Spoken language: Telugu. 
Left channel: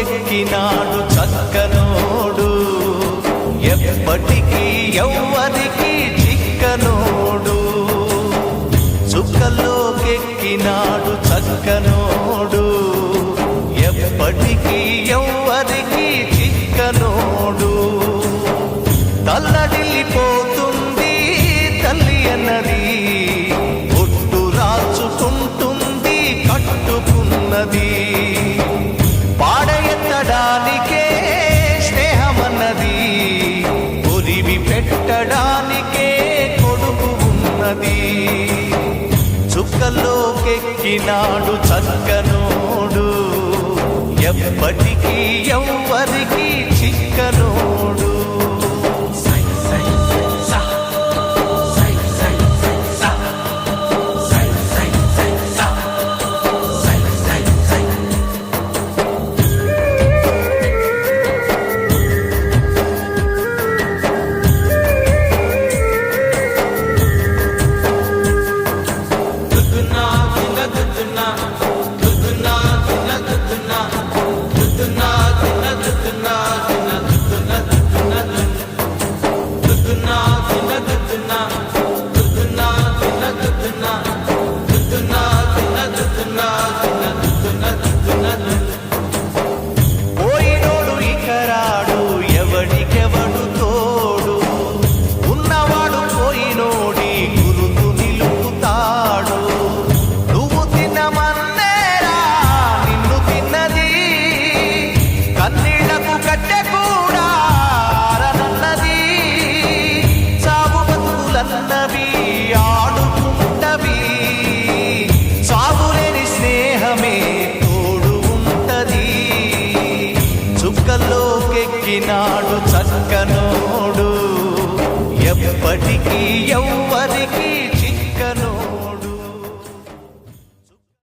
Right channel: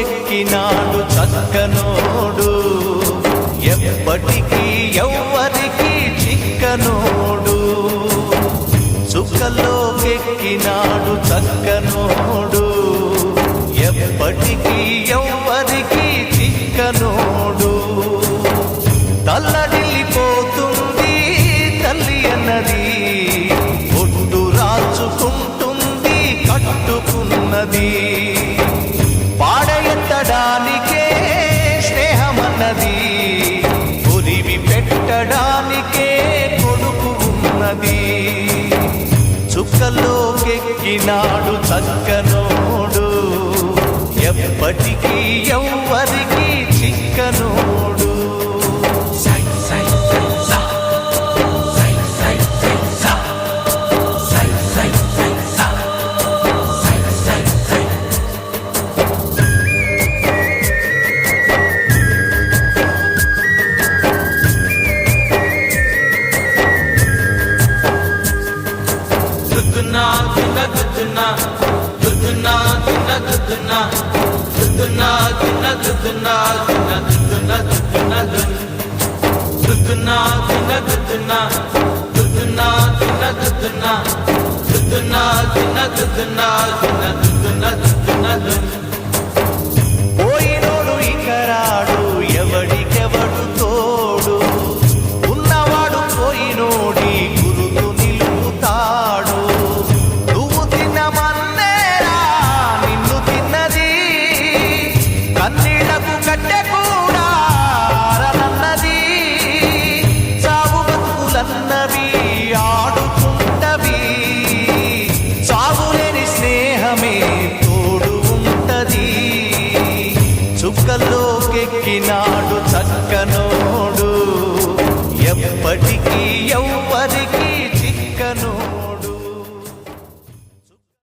చుక్కల్లోకెక్కినాడు చక్కనోడు, ఎప్పటికీ ఎవ్వరికి చిక్కనోడు. చుక్కల్లోకెక్కినాడు చక్కనోడు, ఎప్పటికీ ఎవ్వరికి చిక్కనోడు. తల్లడిల్లిపోతుంది తల్లి అన్నది, ఒట్టు రాచుకుంటుంది కట్టుకున్నది. పాడెత్తడానికే స్నేహమన్నది, కొరివి పెట్టడానికే కొడుకు ఉన్నది. చుక్కల్లోకెక్కినాడు చక్కనోడు, ఎప్పటికీ ఎవ్వరికి చిక్కనోడు. పోయినోడు ఇకరాడు, ఎవడికెవడు తోడు, ఉన్నవాడు పోయినోడి గురుతు నిలుపుతాడు. నువ్వు తిన్నమన్నేరా నిన్ను తిన్నది, కన్నీళ్లకు కట్టె కూడా ఆరనన్నది. చావు బతుకులన్నవి ఆడుకుంటవి, చావులేని స్నేహమే తోడు ఉంటది. చుక్కల్లోకెక్కినాడు చక్కనోడు, ఎప్పటికీ ఎవ్వరికి చిక్కనోడు.